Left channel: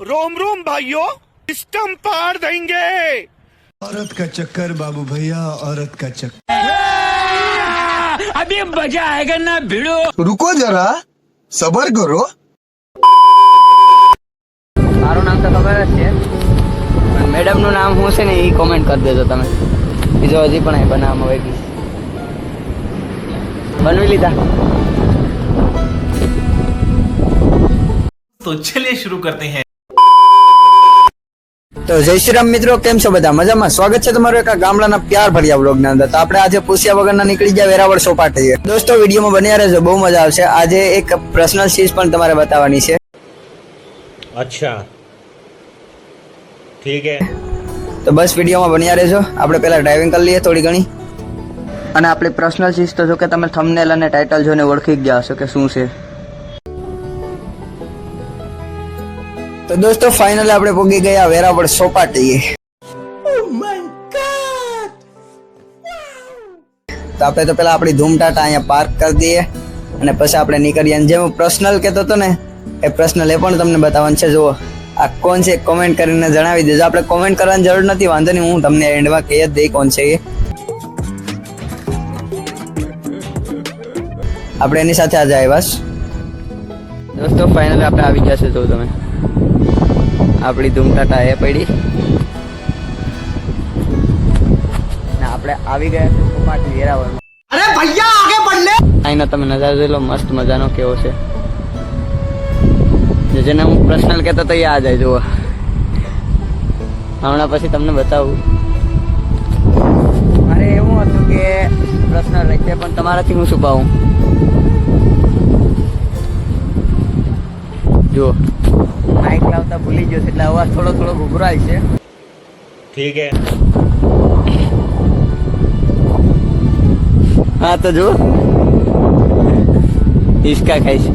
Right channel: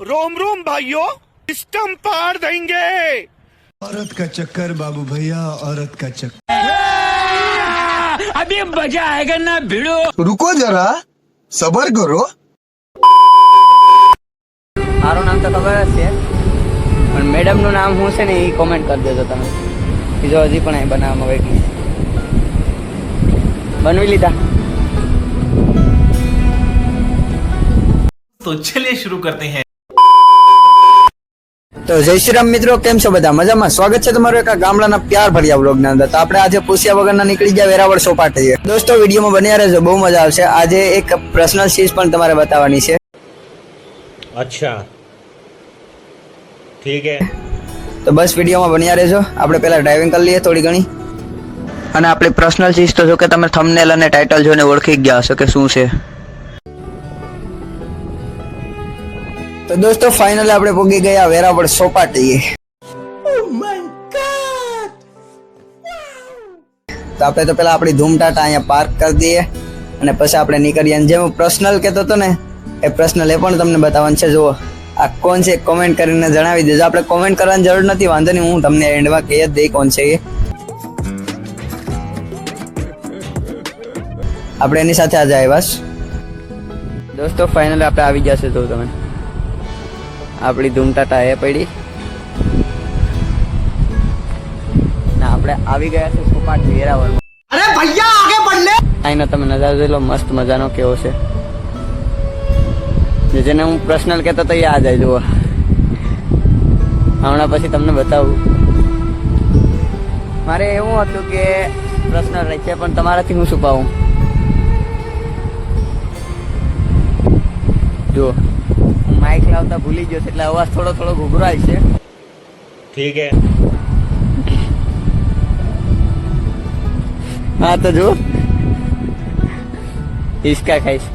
रोम रोम भाइयों सिस्टम पार देंगे औरत का चक्कर बाबू भैया औरत का चक्कर अभी मजा आएगा ना भिड़ो रुको जरा सबर करो મારું નામ તો ખબર જ છે પણ મેડમનું નામ શું છે ને એ કોમેન્ટ કરી દેજો તમે બીજો હજી પણ અહીં બનાવવામાં બાકી છે બનવી લીધા तो चलिए शुरू करते हैं તો જય શ્રી રામ મિત્રો કેમ છો બધા? મજામાં? સ્વાગત છે તમારું એક ગામડાના પ્યાર ભર્યા બ્લોગના અંદર. તો આપણે આજે પૂછ્યા વગરના નીકળી ગયા વેરાવળ સોપાટીએ દોસ્તો વિડીયોમાં બન્યા રહેજો બહુ મજા આવશે. આજે એક પર્સનલ ચીજ પણ તમારે બતાવવાની છે. અચ્છા. ઠીક હે. તો બસ વિડીયોમાં બન્યા રહેજો. આપણે પહેલા ડ્રાઇવિંગ કરી લઈએ થોડી ઘણી. અને આપણી પર્સનલ ચીજ તો જો કે તમે થંબનેલ અને ટાઇટલ જોઈને ઓળખી ગયા હશો કે શું છે? તો દોસ્તો ફાઇનલ આપણે પહોંચી ગયા વેરાવળ સોપાટીએ. તો આપણે તો પેલા આપણી ધૂમ ટાટા અહીંયા પાર્ક કરી દઈએ અને પછી આપણે નીકળીએ. અને જે હું પર્સનલ કહેતો હતો ને, એ પર્સનલ એ પણ તમને બતાવવાનું છે. જુઓ, આ કોણ છે કોમેન્ટ કરીને જણાવી દેજો. આપણે કોમેન્ટ કરવાની જરૂર નથી, વાંધો નહીં, હું તમને એન્ડમાં કહી જ દઈ કોણ છે એ. આપણે એની સાથે આજે આવ્યા. દોસ્તો ફાઇનલ આપણે આવી ગયા છે, જો તમે. આપણી ધૂમટાટા એ પડી. ને આપણે આવી ગયા છે સોપાટી વેરાવળમાં. અરે ભૈયા આગે બઢ લે તમે નજારો જોઈ લો મસ્ત મજાનો કેવો છે. જે જેને હું પર્સનલ કહેતો તો એ આ જાય જુઓ. હમણાં પછી તમને બતાવું. મારે એવું હતું કે પર્સનલ રહે પણ તમારાથી હું છુપાવું? જુઓ. માઇક લાવતા ભૂલી ગયો છે એટલે અવાજ થોડો થોડો ઘૂઘરાય છે. ઠીક હે. હા તો જો હિસકા ખાઈશ.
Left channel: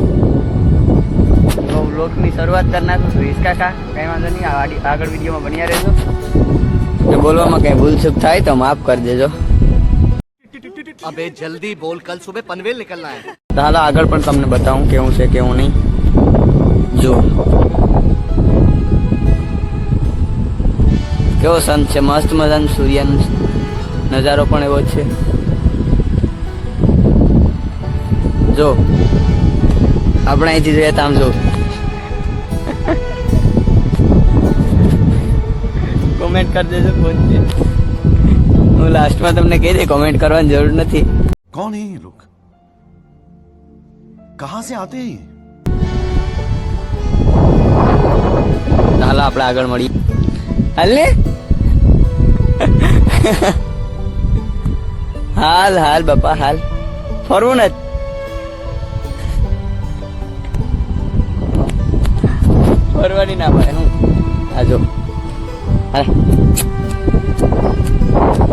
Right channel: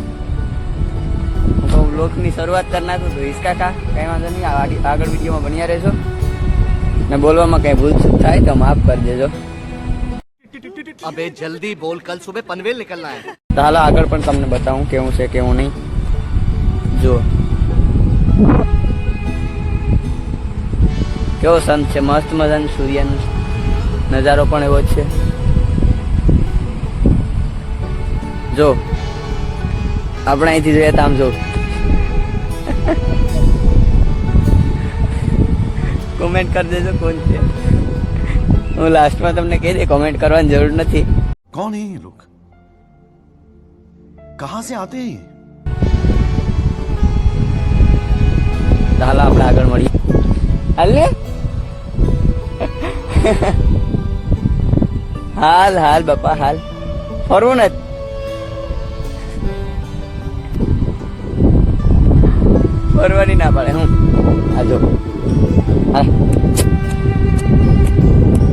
તો બ્લોગની શરૂઆત કરી નાખું છું. હિસકા ખા કંઈ વાંધો નહીં. આગળ વિડીયોમાં બન્યા રહેજો. ને બોલવામાં કંઈ ભૂલચૂક થાય તો માફ કરી દેજો. અબે જલ્દી બોલ કલ સુબહ પનવેલ નીકળના હે. હાલ આગળ પણ તમને બતાવું કેવું છે કેવું નહીં. જો કેવો સંત છે? મસ્ત મજાનો સૂર્યનો નજારો પણ એવો છે. જો, આપણે અહીંથી જોઈએ તામ જો. કોમેન્ટ કરી દેજો કોણ છે. હું લાસ્ટમાં તમને કહી દે કોમેન્ટ કરવાની જરૂર નથી. કોણ હે લોક કહા સે આતે હે હાલો, આપણે આગળ મળીએ. હાલ ને હાલ હાલ, બાપા, હાલ. ફરવું નથી ફરવાની ના પડે. આ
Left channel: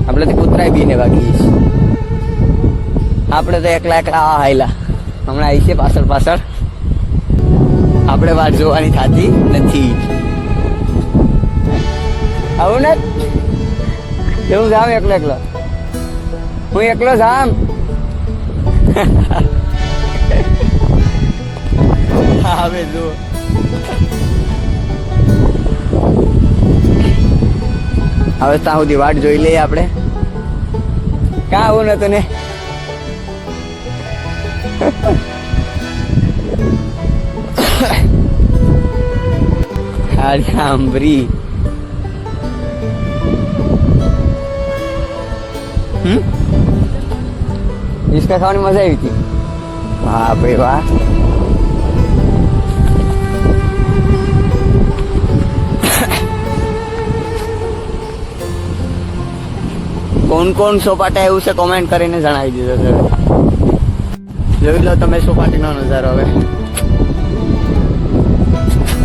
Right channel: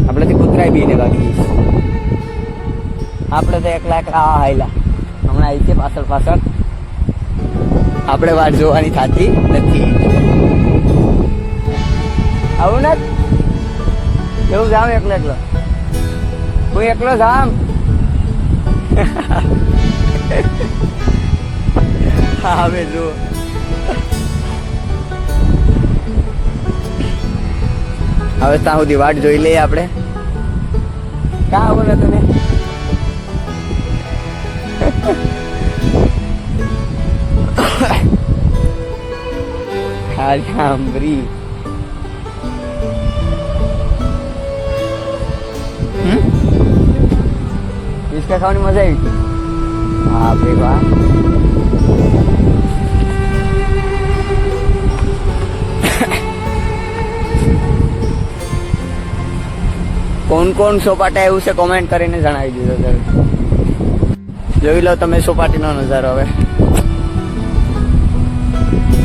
આપણે તો કૂતરાય બીને બાકી છે. આપણે તો એકલા એકલા હાયલા. હમણાં આવી છે પાછળ પાછળ. આપણે વાત જોવાની થતી નથી. આવું ને? એવું જામ એકલો એકલો. હું એકલો જામ. આવે હવે જો. હવે ત્યાં સુધી વાટ જોઈ લઈએ આપણે. કા આવું ને ને હા સાંભળી હિસકા ખાવાની મજા આવી હતી. બાપરે વાહ. કોણ કોણ સોપાટા એવું છે કોમેન્ટ કરીને જણાવી દીધો છે. જોઈ લો તમે સોપાટીનો નજારો હવે.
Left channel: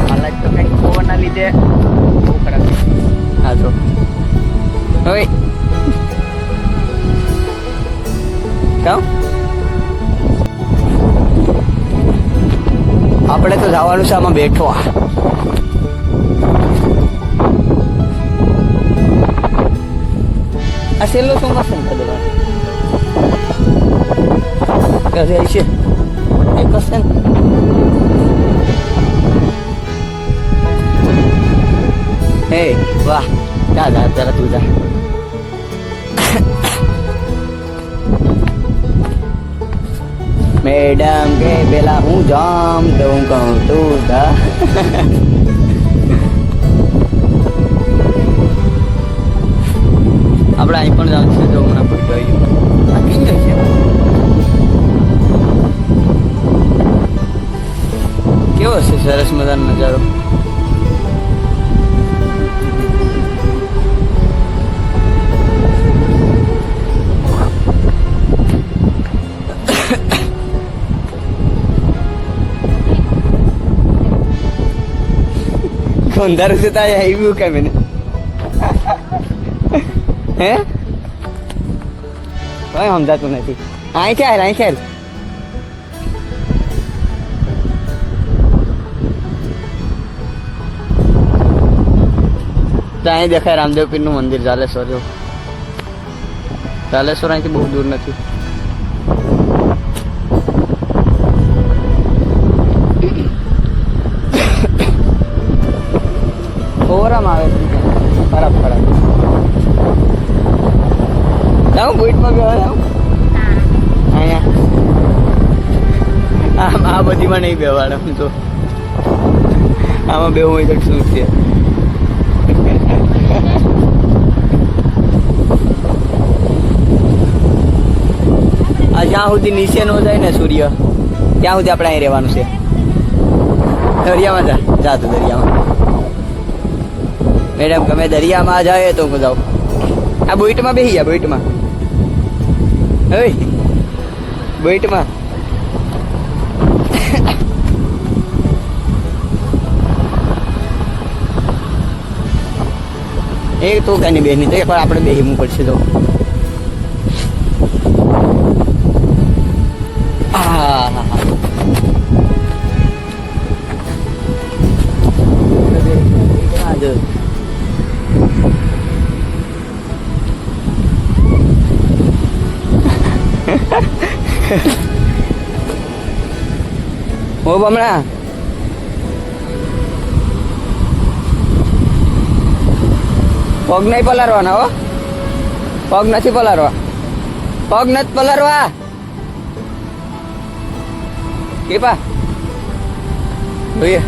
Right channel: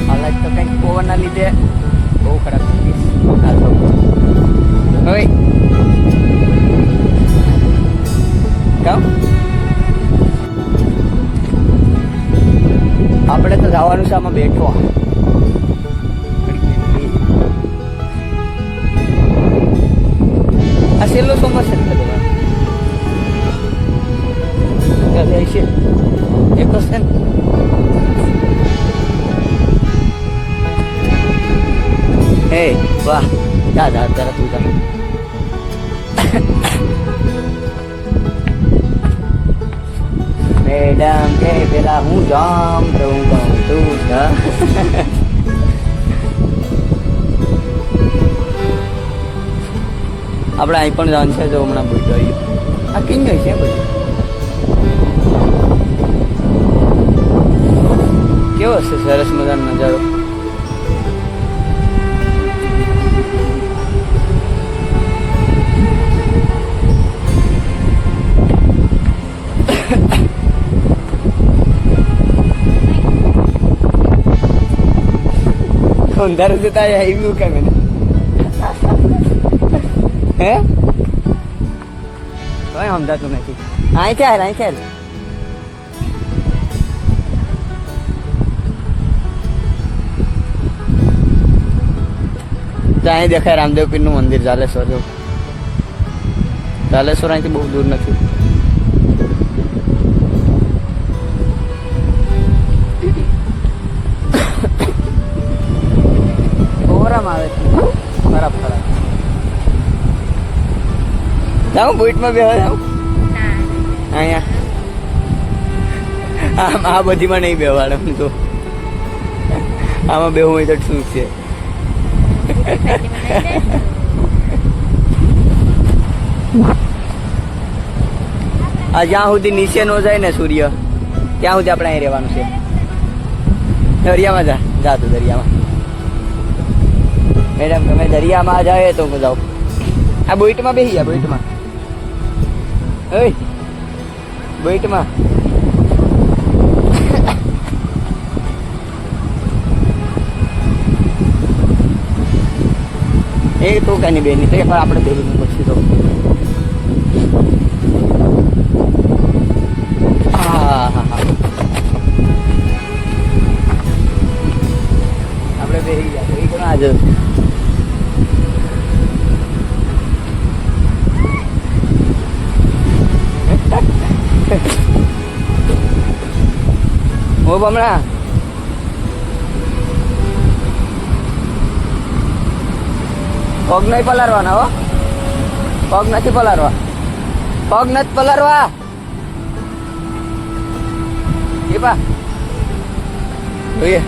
હાલત તો કંઈક પવનના લીધે બહુ ખરાબ. તો હવે કામ આપણે તો જવાનું છે આમાં બેઠો. આ છેલ્લો ચોમાસ ને કદવા ઘરે છે. એક જ છે ને. હે, વાહ. જા જા અત્યારે તું જા. મેડમ કે પેલા હું જામ તું કહું તું જા આપણે અહીં પણ જાણ છે જો હમણાં ભૂલ ગયો આ કિંગ છે કેવો છે સરસ મજાનો નજારો? અંધારું છે આવી ગયું કે મને? હે? કઈ સમજાતું નથી. અહીં ચાલ અહીં તો અહીં દેખાય રામદેવ પીરનું મંદિર, જાલેશ્વર, જો. જાલેશ્વર અહીંથી બહુ દૂર નથી. જાઉં બુટમાં બેવા જાઉં અહીંયા. આમ આ બધીમાં નહીં બેવાડ આમ તો. આમાં બેવું હોય તો શું છે? આ જ્યાં સુધી નીચે નો જાય ને સૂર્ય ત્યાં સુધી આપણે અહીં રહેવાનું છે. દરિયામાં જા જા તું દરિયામાં. મેડમ તમે દરિયામાં જાય તો જાઉં. આ બોઈટમાં બેસી જા બોઈટમાં ઓય બેટમાં. એ તો કાની બેન નહીં પણ આપણે બેહી મૂકશે તો. પગ નહીં પલારવાના હો પગ નથી પલારવા પગ નથી પલારવા કેપા જોઈએ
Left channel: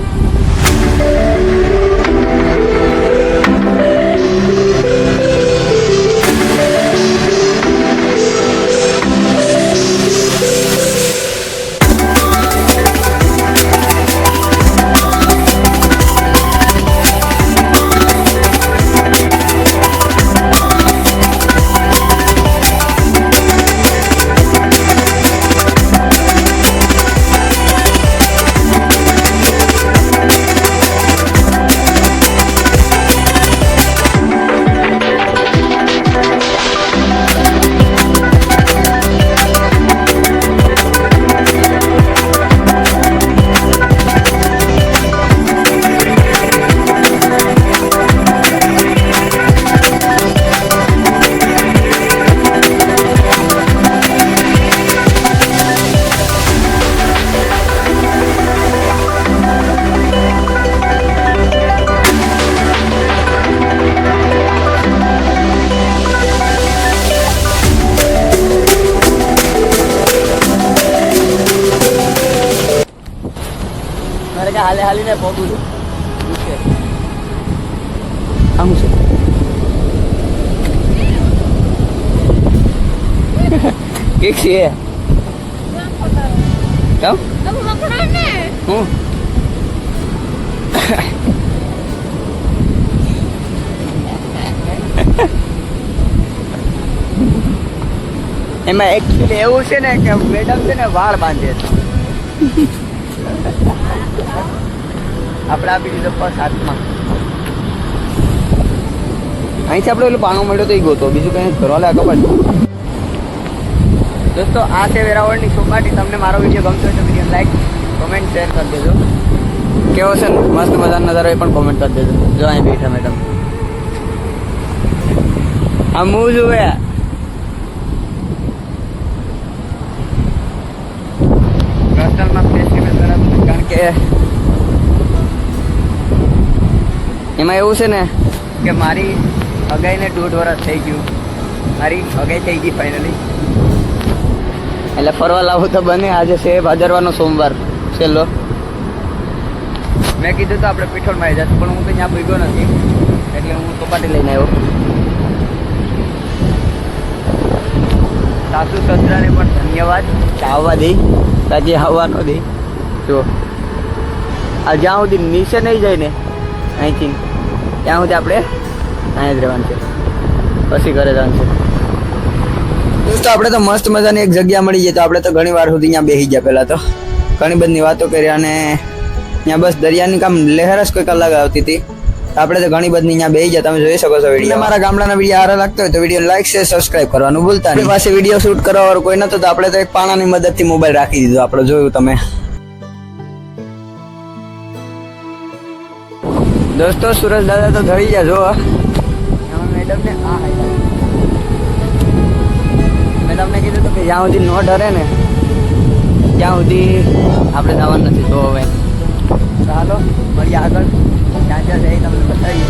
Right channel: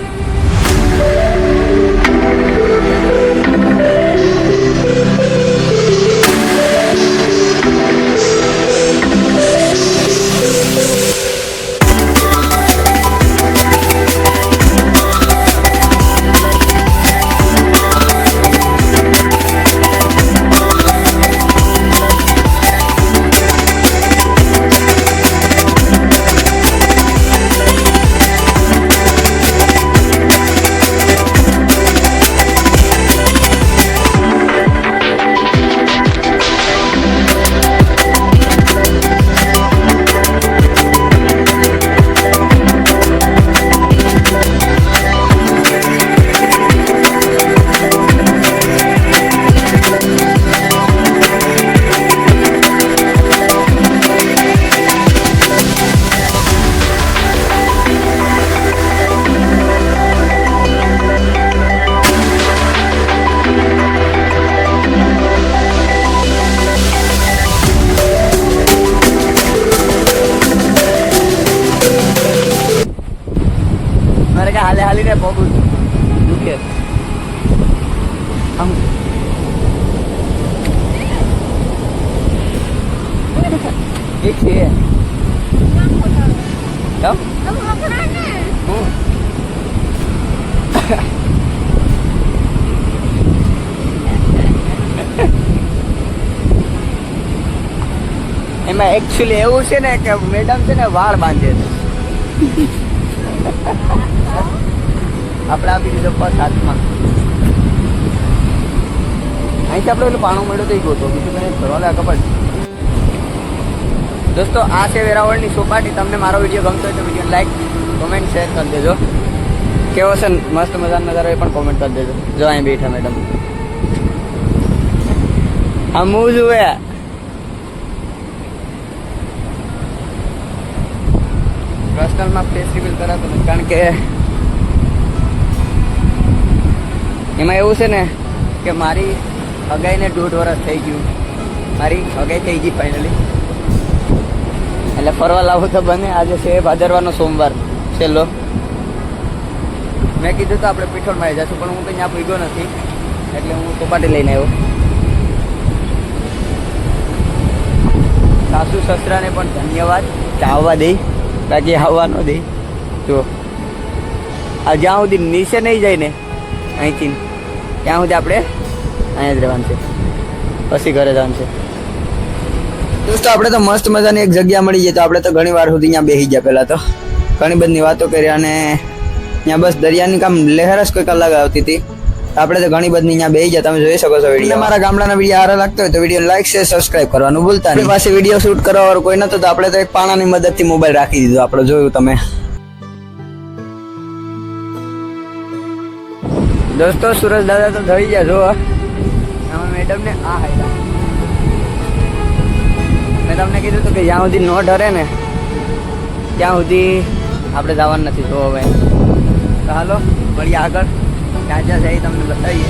મારે કે હાલે હાલીને પગું દુખે આમ છું. એક છે. એમાં એકચ્યુઅલી એવું છે ને કે મેડમ છે ને વાળ બાંધે છે. આપણે આપી દીધો બસ હાથમાં. અહીંથી આપણે એટલું પાણો મળ્યો તો એ ગયો બીજું કંઈ ફરવા લાગે ખબર દોસ્તો, આ છે વેરાવળની સોપાટી. તમને મારો વીડિયો ગમતો હોય તો વીડિયો લાઈક કોમેન્ટ શેર કરી દેજો. કેવો છે? મસ્ત મજાનો નજારો એ પણ કોમેન્ટ કરી દેજો. જો અહીં બેઠા મેડમ આ હું જુએ પર્સનલમાં ફેસ્ટિવલ કરાતું નથી કારણ કે એમાં એવું છે ને કે મારી હગાઈને દોઢ વર્ષ થઈ ગયું. મારી હગાઈ થઈ ગઈ ફાઇનલી એટલે ફરવા લાવું તો બને. આજે છે ભાદરવાનો સોમવાર. છેલ્લો. મેં કીધું તો આપણે પીઠોળમાં જશું પણ હું કંઈ ત્યાં ભીગો નથી. એટલે હું ચોપાટી લઈને આવ્યો. સાસુ સસરાને પણ ધન્યવાદ. આવવા દે. બાકી આવવા ન દે. જો. આ જ્યાં સુધી નીચે નહીં જાય ને અહીંથી ત્યાં સુધી આપણે અહીં જ રહેવાનું છે. પછી ઘરે જવાનું છે. દોસ્તો આપણે તો મસ્ત મજાની એક જગ્યા મળી જાય તો આપણે તો ઘણી વાર સુધી અહીંયા બેસી ગયા પહેલાં તો. ઘણી બધી વાતો કરી અને ત્યાં બસ દરિયાની કામ લહેર જ કોઈક અલગ આવતી હતી. આપણે તો ઘણી બધી અહીંયા બેસી ગયા તમે જોઈ શકો છો વીડિયો. મારા ગામડાના વીડિયો સારા લાગતો હોય તો વીડિયો લાઈક શેર સબસ્ક્રાઇબ કરવાનું ભૂલતા નહીં. પાસે વીડિયો શૂટ કરવા કોઈ નતો તો આપણે તો એક પાણાની મદદથી મોબાઈલ રાખી દીધો આપણે જોયું તમે. દોસ્તો સુરજ દાદા તો થઈ ગયા, જો એમાં મેડમ ને આ હાઈલા મેં તમને કીધું હતું કે જ્યાં સુધી નો ડરે ને, ત્યાં સુધી આપણે જવાનું નથી. તો હવે તો હાલો, મળીએ આગળ. ક્યાં ક્યાં જઈએ તમને બતાવીએ.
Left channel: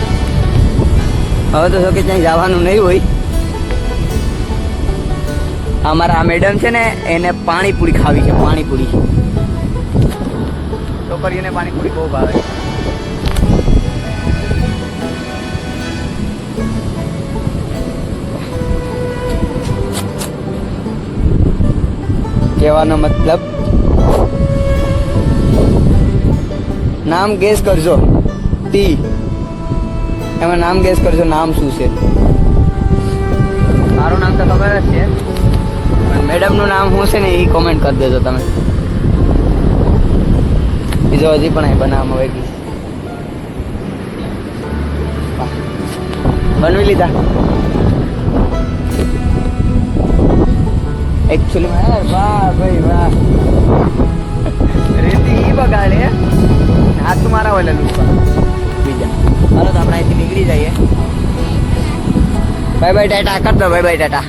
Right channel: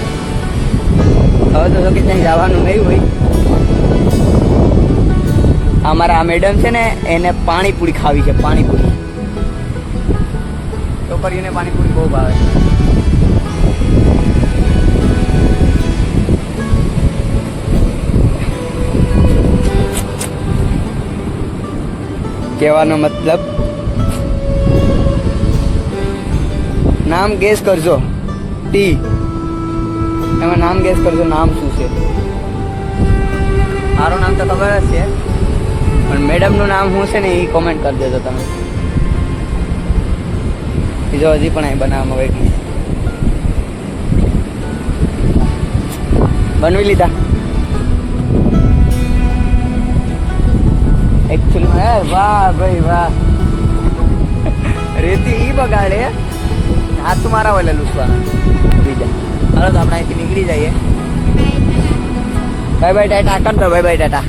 હવે તો જો કે ત્યાં જવાનું નહીં હોય. અમારા આ મેડમ છે ને, એને પાણીપુરી ખાવી છે, પાણીપુરી. છોકરીઓને પાણીપુરી બહુ ભાવે. કહેવાનો મતલબ? નામ ગેસ કરજો. ટી એમાં નામ ગેસ કરજો, નામ શું છે? મારું નામ તો ખબર જ છે. મેડમનું નામ શું છે ને એ કોમેન્ટ કરી દેજો તમે. બીજો હજી પણ અહીં બનાવવામાં વેગી બનવી લીધા. એકચ્યુઅલી વાહ ભાઈ વાહ રેતી ઈ બગાડે હાથ તો મારા વલે લુસ્સા બીજા હાલો તો આપણે અહીંથી નીકળી જઈએ બાય બાય ટાટા કર દો bye bye tata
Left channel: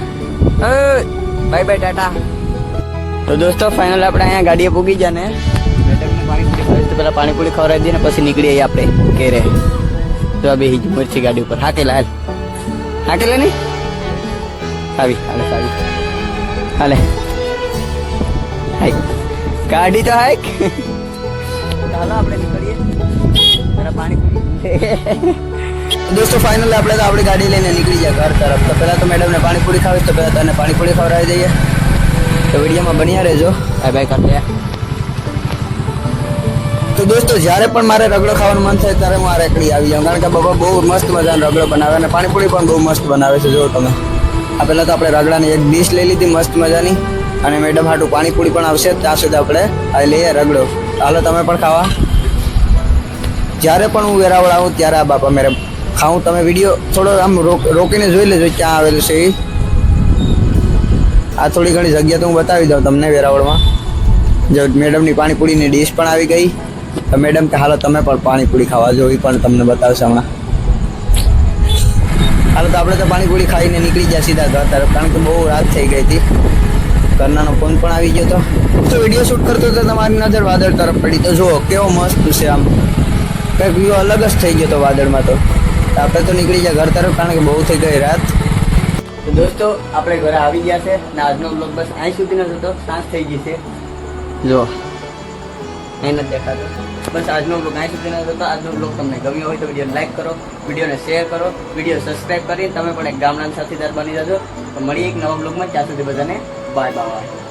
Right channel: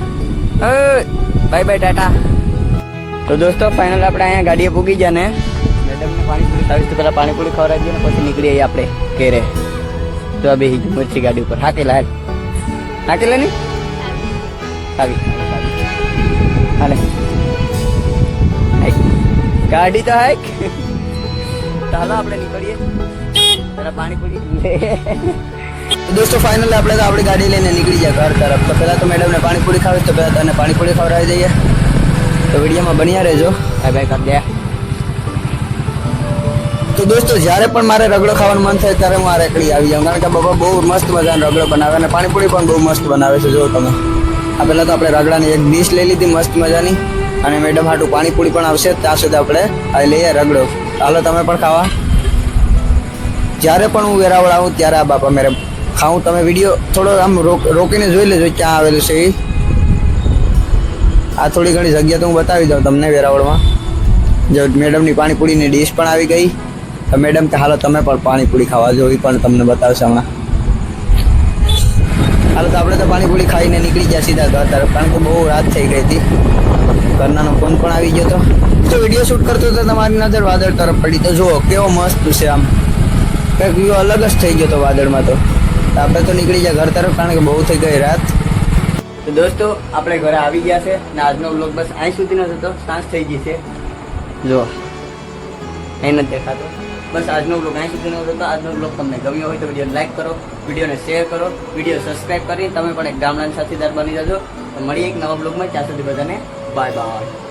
bye bye tata તો દોસ્તો ફાઇનલ આપણે અહીંયા ગાડીએ પૂગી ગયા ને મેડમને પાણીપુરી ખાવીશ તો પહેલાં પાણીપુરી ખવડાવી દઈએ ને પછી નીકળી જઈએ આપણે ઘેરે તો આ બેહી ગયું મરચી ગાડી ઉપર હાથે લાલ હાથે લે ને આવી હાલે આવી હાલે. ગાડી તો હાય. ચાલો આપણે નીકળીએ. જરા પાણીપુરી દોસ્તો ફાઇનલ આપણે તો આપણી ગાડી લઈને નીકળી જાય ઘર તરફ. તો પહેલાં તો મેડમને પાણીપુરી ખાવી તો પહેલાં તને પાણીપુરી ખવડાવી દઈએ. તો વિડીયોમાં બન્યા રહેજો. હા ભાઈ કાઢીએ તો દોસ્તો જ્યારે પણ મારે રગડો ખાવાનું મન થાય ત્યારે હું આ રેકડી આવી જાઉં. કારણ કે બાબા બહુ મસ્ત મજાનો રગડો બનાવે અને પાણીપુરી પણ બહુ મસ્ત બનાવે છે જો તમે. આ પહેલાં તો આપણે રગડાની એક ડીશ લઈ લીધી, મસ્ત મજાની. અને મેડમ હાટું પાણીપુરી પણ આવશે. ત્યાં સુધી આપણે આ લઈએ રગડો. હાલો, તમે પણ ખાવા. જ્યારે પણ હું વેરાવળ આવું, ત્યારે આ બાપા મેરે ખાઉં. તમે વીડિયો થોડો આમ રોક- રોકીને જોઈ લેજો ક્યાં આવેલું છે એ. આ થોડી ઘણી જગ્યા તો હું બતાવી દઉં તમને વેરાવળમાં. જો મેડમની પાણીપુરીની ડીશ પણ આવી ગઈ. તો મેડમ કે, હાલો, તમે પણ પાણીપુરી ખાવા જો, એ પણ તમને બતાવશે હમણાં. હાલો તો આપણે તો પાણીપુરી ખાઈને નીકળી ગયા સીધા ઘર તરફ, કારણ કે બહુ રાત થઈ ગઈ હતી. ઘરનાનો ફોન પણ આવી ગયો તો. તો વીડિયો શૂટ કરતો તો તમારી નજર વાદળ તરફ પડી. તો જુઓ, કેવો મસ્ત છે આમ. કંઈક વ્યૂ અલગ જ થઈ ગયો તો વાદળમાં તો. આપણે તો નીકળી ગયા ઘર તરફ, કારણ કે બહુ થઈ ગઈ રાત. તો દોસ્તો, આપણે ઘરે આવી ગયા છે ને આજનો બ્લોગ બસ અહીં સુધીનો નથી હતો. સાંજ થઈ ગઈ છે. જો અહીં નથી દેખાતો. બસ આજનો બ્લોગ અહીં સુધીનો હતો આજનો બ્લોગ તમને ગમ્યો હોય તો વીડિયો લાઈક કરો વિડીયોને શેર કરો વીડિયો સબસ્ક્રાઈબ કરીને તમે પણ એક ગામડાના સાથીદાર બની જજો. તો મળીએ એક નવા બ્લોગમાં ત્યાં સુધી બધાને બાય બાય